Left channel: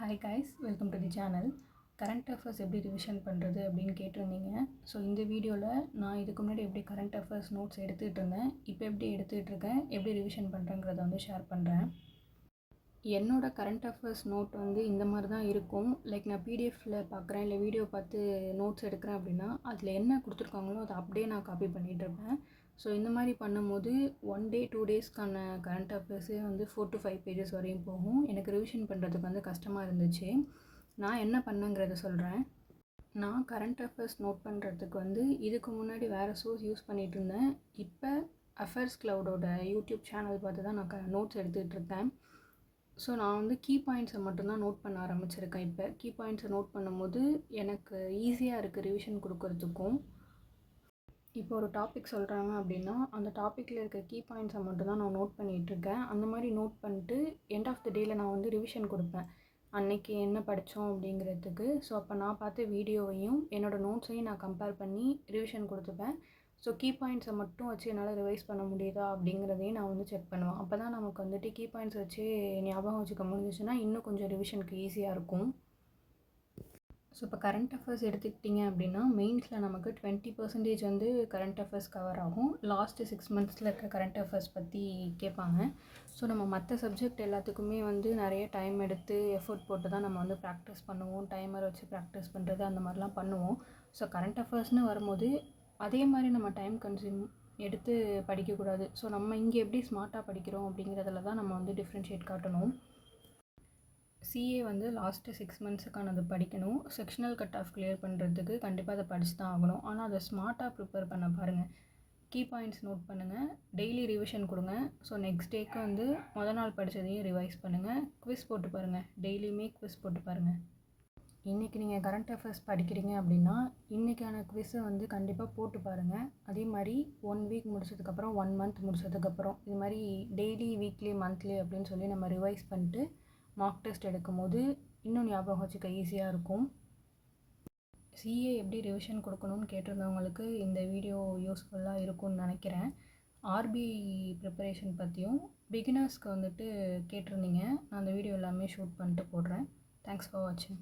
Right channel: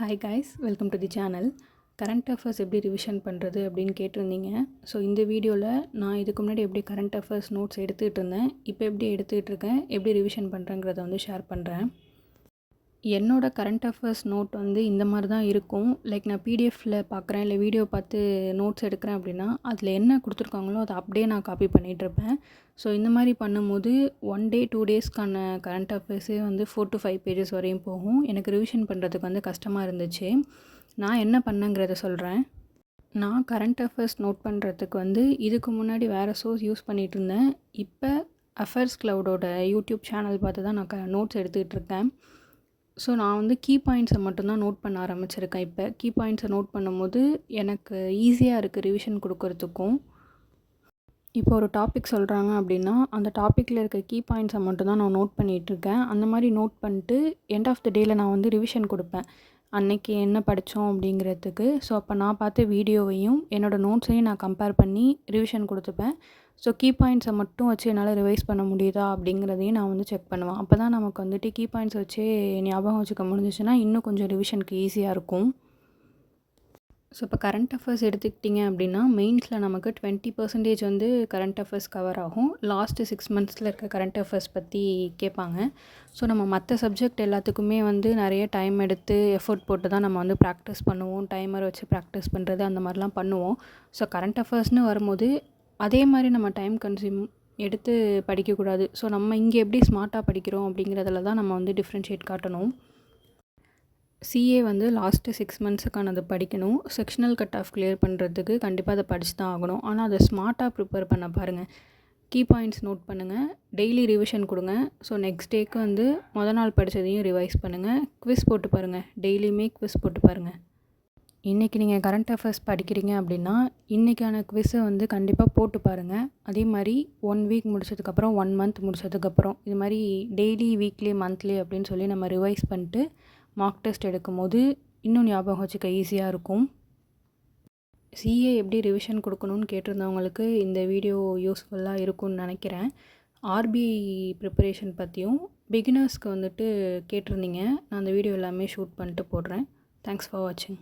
Hi guys, welcome to the channel. Current affairs எப்படி revision பண்ணுறது அப்படின்னு கேட்டிருந்தீங்க. ஸோ இந்த வீடியோவில் நான் இதுக்கு முன்னாடி எப்படி கரண்ட் அஃபேர்ஸ் நோட்ஸ் எடுத்துகிட்டு இருந்தேன், இப்போ எப்படி எடுத்துகிட்டு இருக்கேன், எப்படி ரிவிஷன் பண்ணுறேங்கிறத வந்து ஷேர் பண்ணுறேன். என்னோடய கரண்ட் அஃபேர்ஸ் நோட் வந்து இந்த மாதிரி தான் இருக்கும். லைக் நான் பிடிஎஃப்பில் பார்க்குறேன், இல்லை வீடியோ பார்த்து நோட்ஸ் எடுக்கிறேன் அப்படின்னா அதில் என்ன கொடுத்துருக்காங்களோ அதை அப்படியே நான் காப்பி பண்ணிகிட்ருப்பேன். ஸோ இந்த மாதிரி பண்ணும்போது 1 டே 2 டேஸ்க்கான கரண்ட் அஃபேர்ஸே வந்து 4 to 5 பேஜஸ் வரையும் போகும். எனக்கு ரிவிஷன் பண்ணுறதுக்கு வந்து கஷ்டமாக இருந்துச்சு. நான் என்ன பண்ணேங்கிறத சொல்கிறேன். நான் கரண்ட் அஃபேர்ஸ் நோட் பண்ணுறதுக்கு வந்து இதுக்கு முன்னாடி வேறு சோர்ஸ் யூஸ் பண்ணிகிட்டு இருந்தேன். இப்போ அஃபேர்ஸ் க்ளவுடோட யூடியூப் சேனல் பார்த்து தான் நான் நோட்ஸ் எடுத்துகிட்டு இருக்கேன். ஸோ நான் வந்து கீ பாயிண்ட்ஸை மட்டும்தான் நோட் பண்ண ஆரம்பிச்சிருக்கேன். இப்போ கீ பாயிண்ட்ஸை நோட் பண்ணும்போது எனக்கு ஈஸியாக இருக்குது ரிவிஷன் கொடுக்கறதுக்கும். இப்போ ஒரு டாபிக் சொல்கிறாங்க அப்படின்னா அந்த டாப்பிக்கில் இருக்க கீ பாயிண்ட்ஸை மட்டும்தான் நான் நோட் பண்ணிகிட்ருக்கேன். அந்த மாதிரி நோட் பண்ணிட்டு எண்ட் ஆஃப் த டேயில் நான் வந்து ரிவிஷன் கொடுப்பேன், அன்னைக்கு என்ன படித்தோம் அப்படிங்கிறதுக்கு. ஸோ அப்போ நான் பார்த்த வீடியோவையும் என்னோடய நோட்ஸையும் நான் கம்பேர் பண்ணி ரிவிஷன் கொடுத்துப்பேன். ஸோ கீ பாயிண்ட்ஸை மட்டும் வச்சு என்னால் ரிவைஸ் பண்ண முடியுதா அப்படிங்கிறதையும் நான் வந்து செக் பண்ணுவேன். அப்போ தான் நமக்கு வந்துட்டு கீ பாயிண்ட்ஸ் வச்சே ஞாபகம் வச்சுக்க முடிஞ்சிச்சுன்னா இன்னும் கொஞ்சம் ரிவிஷனுக்கு ஈஸியாக இருக்கும். ஸோ இப்போ கரண்ட் அஃபேர்ஸ் எடுத்துக்கிட்டிங்க அப்படின்னா மெயின்ஸில் நமக்கு 20% வந்து கரண்ட் அஃபேர்ஸ் கவர் ஆகும். லாஸ்ட்டு 6 monthஸில் இருக்க கரண்ட் அஃபேர்ஸ் பற்றி கேட்பாங்க. ஸோ நம்ம மற்ற சப்ஜெக்ட் எல்லாத்துக்குமே வந்து நிறைய டைம் எடுத்து எஃபோர்ட் போட்டு தான் நம்ம வந்து ப்ராக்டிஸ் பண்ணுவோம். டைமர் வச்சு ப்ராக்டிஸ் பண்ணுறது அந்த மாதிரிலாம் பண்ணுவோம். ஸோ கரண்ட் அஃபேர்ஸ்னு வரும்போது அதே மாதிரி நம்ம டைம் கன்சியூம் எடுத்து படிக்கக்கூடாது. ஸோ நம்ம இங்கே எப்படி ஸ்மார்ட்டாக படிக்கிறோம் அப்படிங்கிறதுல தான் நம்ம வந்து டிஃப்ரென்ஷியேட் காட்டணும். சிஏ வந்து லாஸ்ட்டு 6 monthஸுக்கானது படிக்கணும். செக்ஷனல் கட் ஆஃப் கிளியர் பண்ணுறதுக்கு கண்டிப்பாக அதை படித்து தான் ஆகணும். ஆனால் அதை ஸ்மார்ட்டாக ப்ரிப்பேர் பண்ண பாருங்கள். கீ பாயிண்ட்ஸ் நோட் பண்ணுங்கள், டெய்லி ரிவிஷன் கொடுங்க. ஸோ நெக்ஸ்ட் டேக்கு வந்து நாள் படித்ததையும் ரிவைஸ் பண்ணுங்கள். குவிஸ் போட்டு பாருங்கள், டெய்லியுமே குவிஸ் போட்டு பாருங்கள். இன்றைக்கி நீங்கள் கரண்ட் அஃபேர்ஸ் படிக்கிறீங்க அப்படின்னா இன்றைக்கான குவிஸை வந்து கண்டிப்பாக போட்டு பாருங்கள். அதே மாதிரி 1 week முடிச்சதுக்கப்புறம் 1 month முடிச்சதுக்கப்புறம் இது மாதிரி டெய்லி, வீக்லி, மந்த்லி அப்படின்னு சொல்லி நம்ம ரிவைஸ் பண்ணிட்டு மார்க் டெஸ்ட் எடுக்கும்போது இன்னும் ஞாபகம் வச்சுக்க ஈஸியாக இருக்கும். சிஏ எப்படி ரிவிஷன் கொடுக்கணும்னு கேட்டிருந்தவங்களுக்கு இந்த வீடியோ யூஸ்ஃபுல்லாக இருக்கும்னு நினைக்கிறேன். ஆர்பிஐ ப்ரிப்பரேஷன் பற்றியும் பிகினர்ஸ்க்கு வந்துட்டு கேட்டிருந்தீங்க. நான் அந்த வீடியோ எல்லாமே ஷூட் பண்ணிட்டு போடுறேன். தேங்க்ஸ் ஃபார் வாட்சிங்.